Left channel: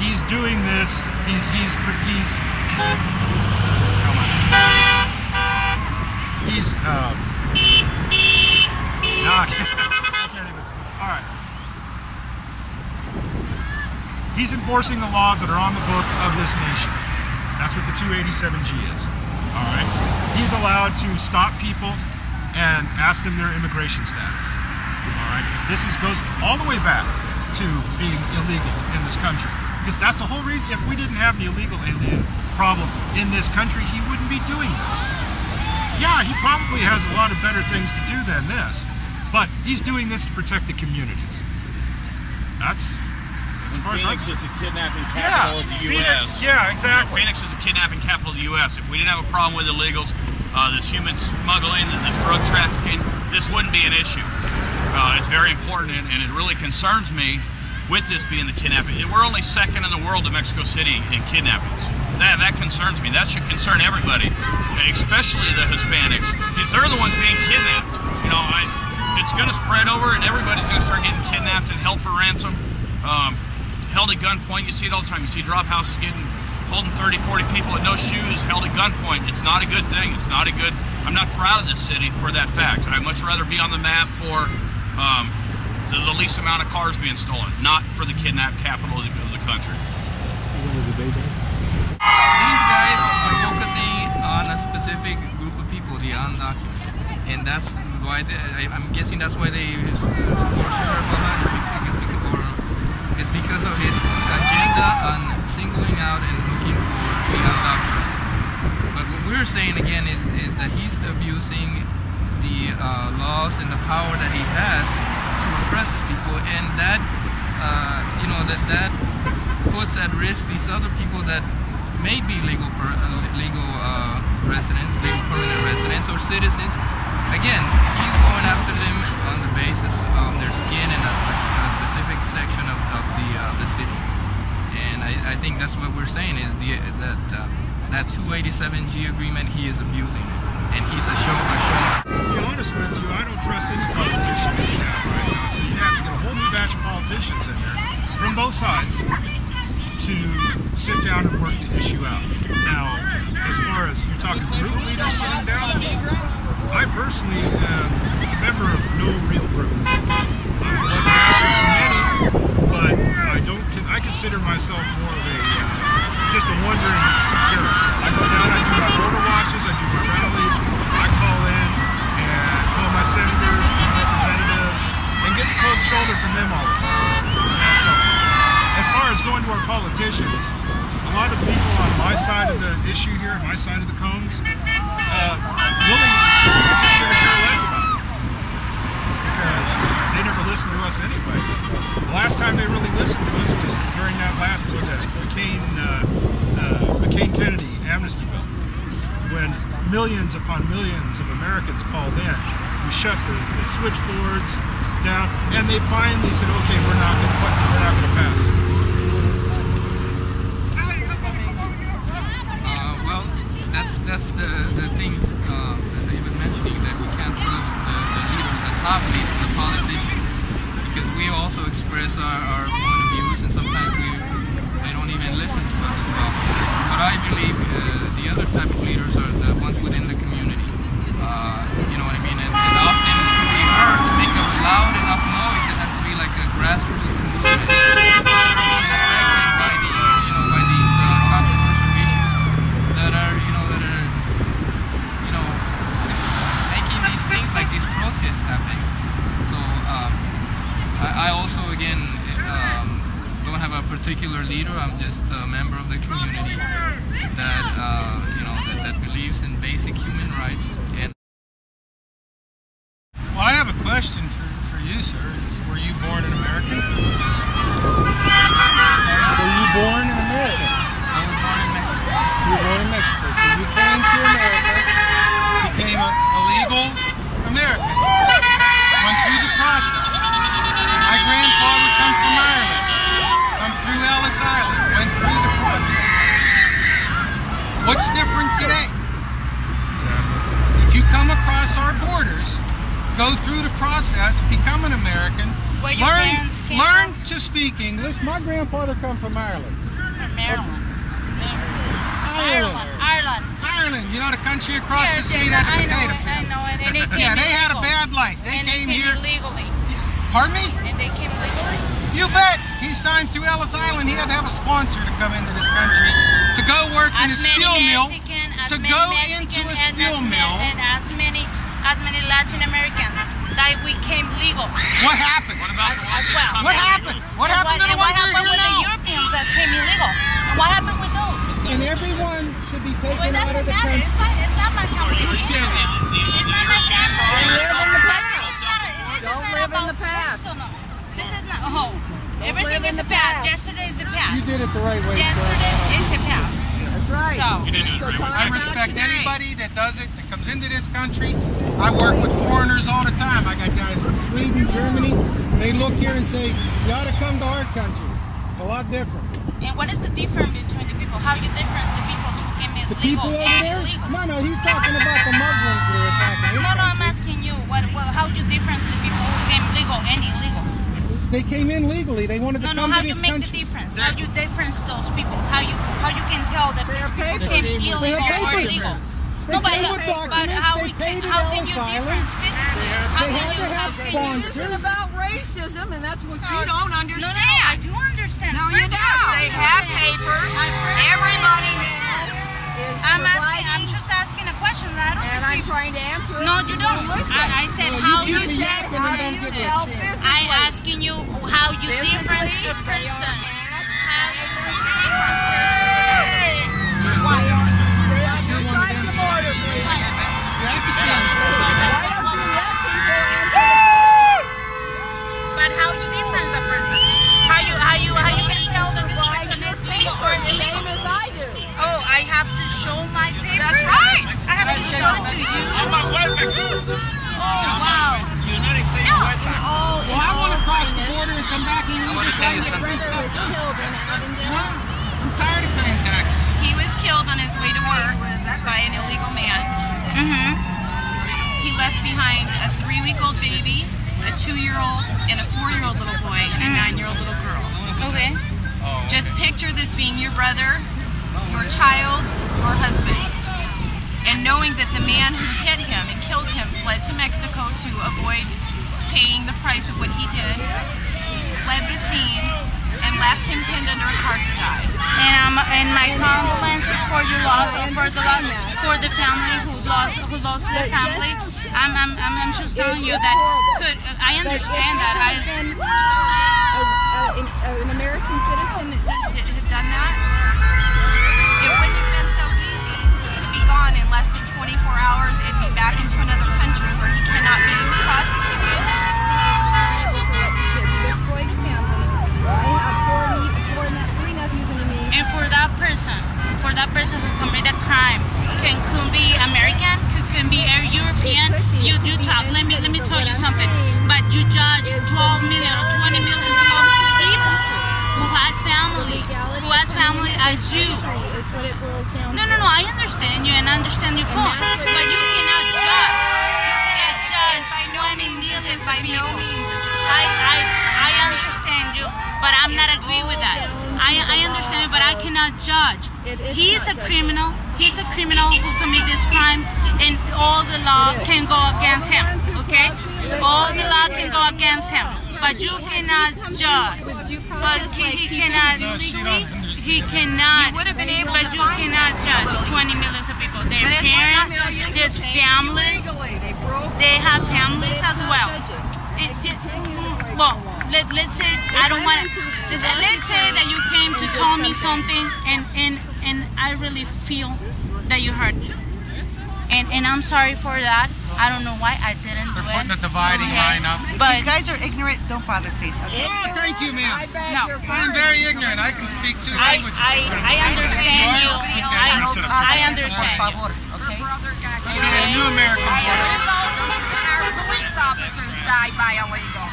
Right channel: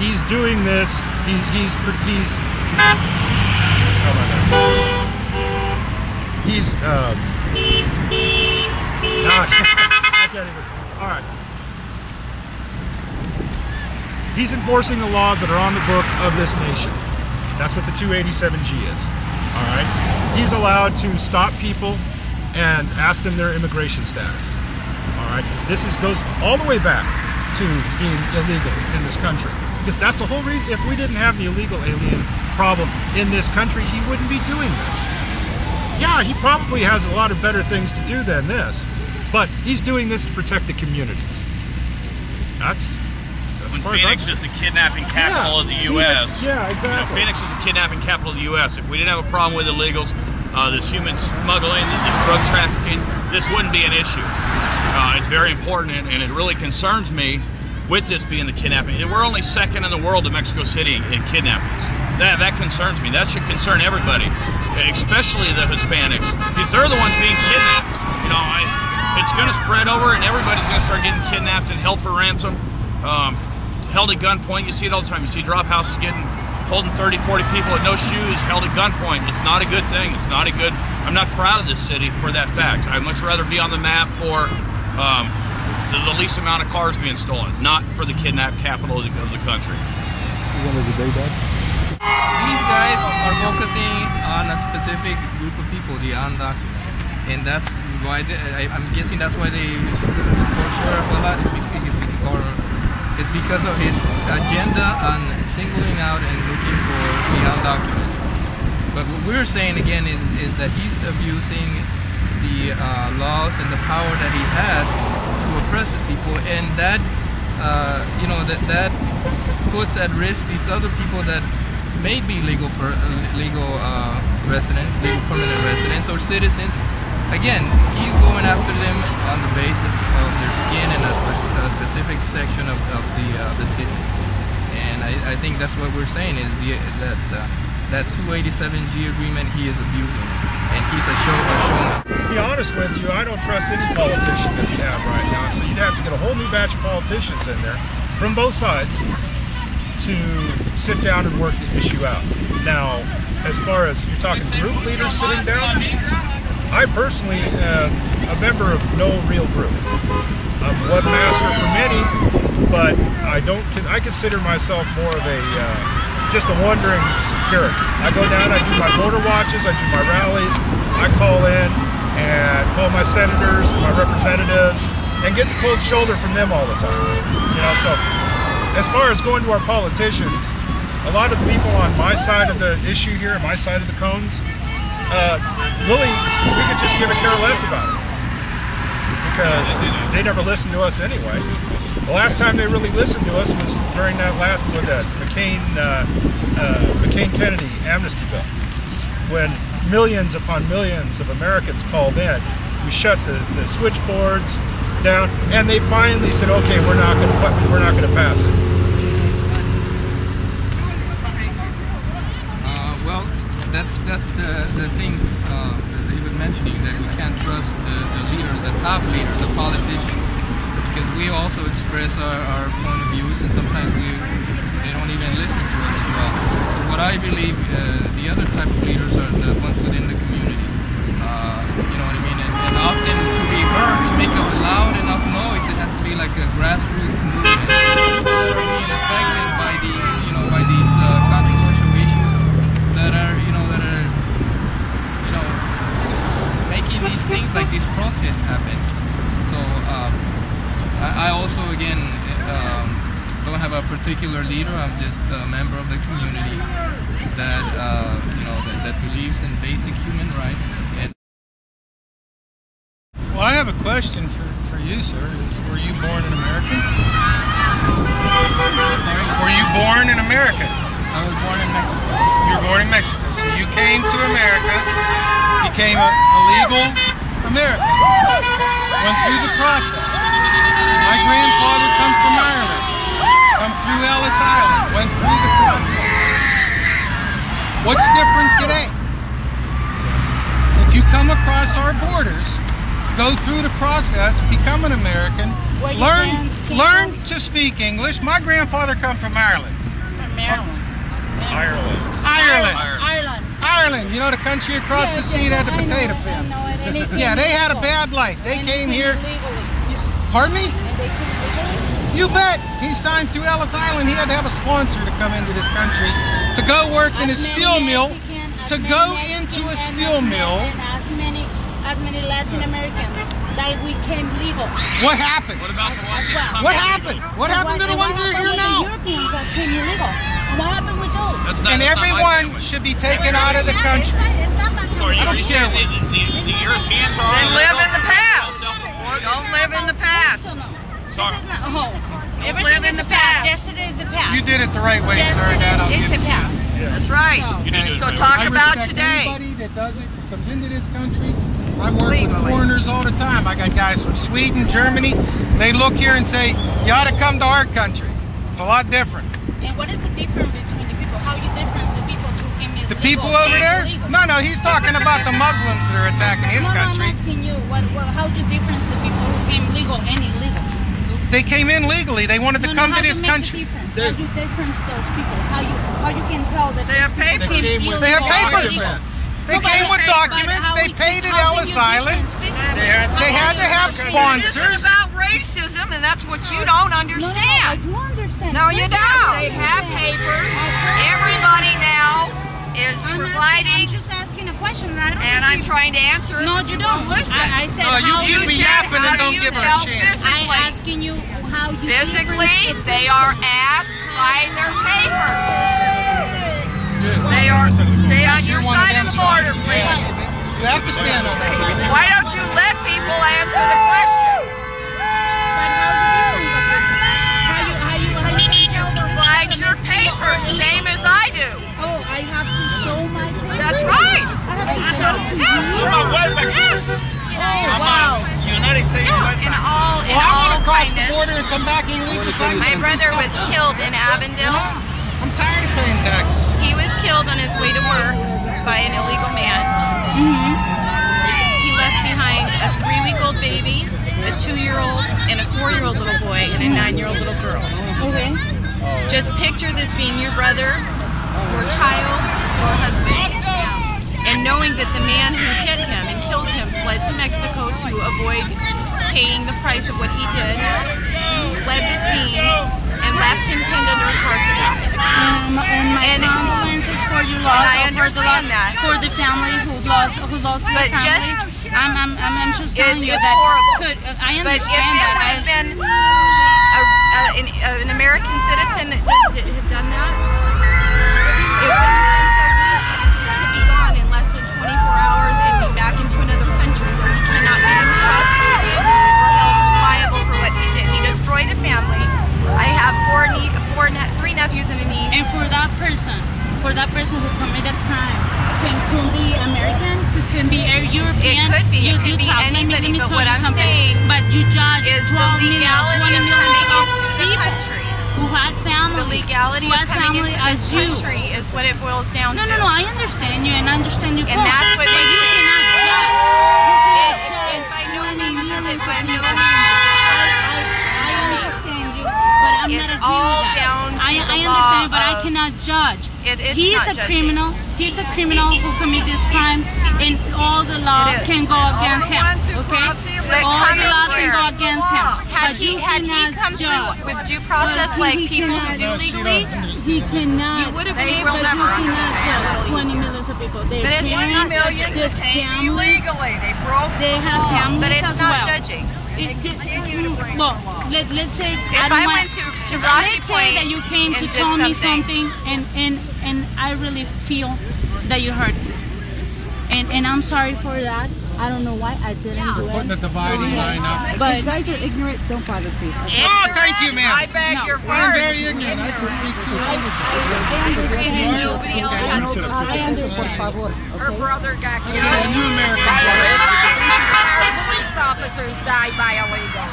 he's doing this. He's how am I gonna do this? He's no, I can't even. All right. He's enforcing the laws that are on the book of this nation. That's what the 287G is. All right. He's allowed to stop people and ask them their immigration status. All right. This goes all the way back to being illegal in this country, because that's the whole reason. If we didn't have an illegal alien problem in this country, he wouldn't be doing this. Yeah, he probably has a lot of better things to do than this, but he's doing this to protect the communities. That's as far as Phoenix is the kidnapping capital of the U.S. Yeah, exactly. You know, Phoenix is the kidnapping capital of the U.S. If we didn't have a problem with illegals, this human smuggling, this drug trafficking, this wouldn't be an issue. It's very important, and it really concerns me with this being the kidnapping. We're only second in the world to Mexico City in kidnappings. That concerns me. That should concern everybody, especially the Hispanics, because they're the ones being kidnapped. You know, it's going to spread over, and everybody's going to start getting kidnapped and held for ransom, held at gunpoint. You see it all the time. You see drop houses holding 30, 40 people with no shoes, held at gunpoint. It's not a good thing. It's not a good. I'm not proud of this city for that fact. I'd much rather be on the map for the least amount of cars being stolen, not for the kidnapped capital of the country. You want to debate that? These guys are focusing on a specific group of people, the undocumented, and that's why I'm guessing that's why they support Sheriff a lot. It's because of his agenda on singling out and looking for the undocumented. But what we're saying again is that he's abusing the laws and the power that he has to oppress these people, and that you know, that puts at risk these other people that may be legal residents, legal permanent residents, or citizens. Again, he's going after them on the basis of their skin and a specific section of the city. And I think that's what we're saying is that 287G agreement, he is abusing it, and he's a showman. To be honest with you, I don't trust any politician that we have right now. So you'd have to get a whole new batch of politicians in there from both sides to sit down and work the issue out. Now, as far as you're talking group leaders sitting down, I personally am a member of no real group. I'm one master for many, but I consider myself more of a just a wandering spirit. I go down, I do my border watches, I do my rallies, I call in and call my senators, my representatives, and get the cold shoulder from them all the time. You know, so as far as going to our politicians, a lot of the people on my side of the issue here, my side of the cones, really, we could just give a care less about it, because they never listen to us anyway. The last time they really listened to us was during that last, McCain-Kennedy amnesty bill, when millions upon millions of Americans called in. We shut the switchboards down, and they finally said, "Okay, we're not going to pass it." Well, that's the thing that he was mentioning, that we can't trust the leaders, the top leaders, the politicians, because we also express our point of views, and sometimes they don't even listen to us as well. So what I believe, the other type of leaders are the ones within the community. You know what I mean? And often to be heard, to make a loud enough noise, it has to be like a grassroots movement. People that are being affected by these controversial issues that are making these things like these protests happen. So I also again don't have a particular leader. I'm just a member of the community that that believes in basic human rights. And well, I have a question for you, sir. Were you born an American? sorry, Were you born in America? I was born in Mexico. You were born in Mexico, so you came to America, became a legal American, went through the process. My grandfather come from Ireland, come through Ellis Island, went through the process. What's different today? If you come across our borders, go through the process, become an American, learn to speak English. My grandfather come from Ireland. Ireland. You know, the country across the sea that had the potato famine. Yeah, they had a bad life. They came here. Pardon me? You bet. He signed through Ellis Island. He had to have a sponsor to come into this country to go work in a steel mill. To go into a steel mill. As many Latin Americans that we came legal. What happened? What about the ones that come What happened? What happened to the ones that are here now? The Europeans that came illegal. What happened with those? And everyone should be taken out of the country. It's not my So are you saying care. the Europeans are They live illegal? in the past. Self-report? Don't live in the past. This is not everything is the past. Yesterday is the past. You did it the right way, sir. Yesterday is the past. That's right. So, You did do it So right. talk I about respect today. anybody that does it, that comes into this country. I work with foreigners all the time. I got guys from Sweden, Germany. They look here and say, you ought to come to our country. It's a lot different. and what is the difference between the people? How you difference the people who came illegal? The people over and there? illegal? No, he's talking about the Muslims that are attacking his No, I'm country. asking you. How you difference the people who came legal and illegal? They came in legally. They wanted to come how to you this make country. the difference? How you difference those people? How you can tell that those people came illegal They have or papers. legal? They came with documents. They paid at Ellis Island. They had to have It's sponsors. about racism, and that's what you don't I understand. do understand. No, you don't. They have papers. Everybody now is I'm fighting, just asking a question. I don't and I'm receive. trying to answer it. No, you don't. I said No, how you you keep me yapping and don't give it a tell chance. I asking you how you Physically, they are asked by their papers. Good. They are on your You're one of side them, of the son. border, please. You have to stand up. Why don't you let people answer the question? But how you difference the person? How you can tell that this Like person your is legal or paper, the same illegal? as I do. Oh, I have to show my papers. That's right. I have to show it to you. Yes. Oh wow. United States wetback. Well, I want to cross the border and come back illegally so I can My see brother stuff was done. killed in Avondale. I'm tired of paying taxes. He was killed on his way to work by an illegal man. He left behind a 3-week-old baby, a 2-year-old, and a 4-year-old little boy, and a 9-year-old little girl. Okay. Just picture this being your brother, your child, or husband. And knowing that the man who hit him and killed him fled to Mexico to avoid paying the price of what he did, fled the scene, and left him pinned under a car to die. And my condolences for your loss, I or for the loss, understand that. for the family who lost their But family. I'm just telling you it's that. horrible. I understand that. But if it would have been an American citizen that had done that, it wouldn't have been so easy to be gone in less than 24 hours and be back into another country where he cannot be prosecuted or held liable for what he did. He destroyed a family. I have 3 nephews and a niece. And for that person who committed a crime, can be American, can be European. It could be. You It do could be talk. Let me anybody, but tell what you I'm something. saying But you judge is 12 the million or 20 legality millions of of people who had family, Legality who has of coming family into as this you. country is what it boils down No, to. no, no. I understand you and I understand your And point. that's what But you makes cannot judge. It by no means is it. By no means is it. I understand you, but I'm not It's agree with all that. down to I the understand you, but I law cannot judge. It's He's not a judging. criminal. He's a criminal who committed this crime, and all the law can go against him. Okay? All the law can go against him, but you cannot judge. With due process, But like he people cannot- who do No, she legally, don't understand. He cannot. you would have been They able will to But define you find cannot a judge little 20 easier. millions of people. Their But it's parents, not Millions their came families, illegally. They broke they the have law. But families it's as not well. judging. Well, let's say I don't I want. went to Rocky Let's say Point that you came to and tell did me something. something, and I really feel that you hurt me, and I'm sorry for that. I don't know why I didn't do We're putting a it. dividing line up. But These guys are ignorant. Don't bother, please. Okay? Oh, thank you, ma'am. I beg No. your I am pardon. very ignorant. I can speak two languages. I understand you. Nobody else has to I understand you. Her brother got A killed new American by blood. illegals, and our police officers died by illegals.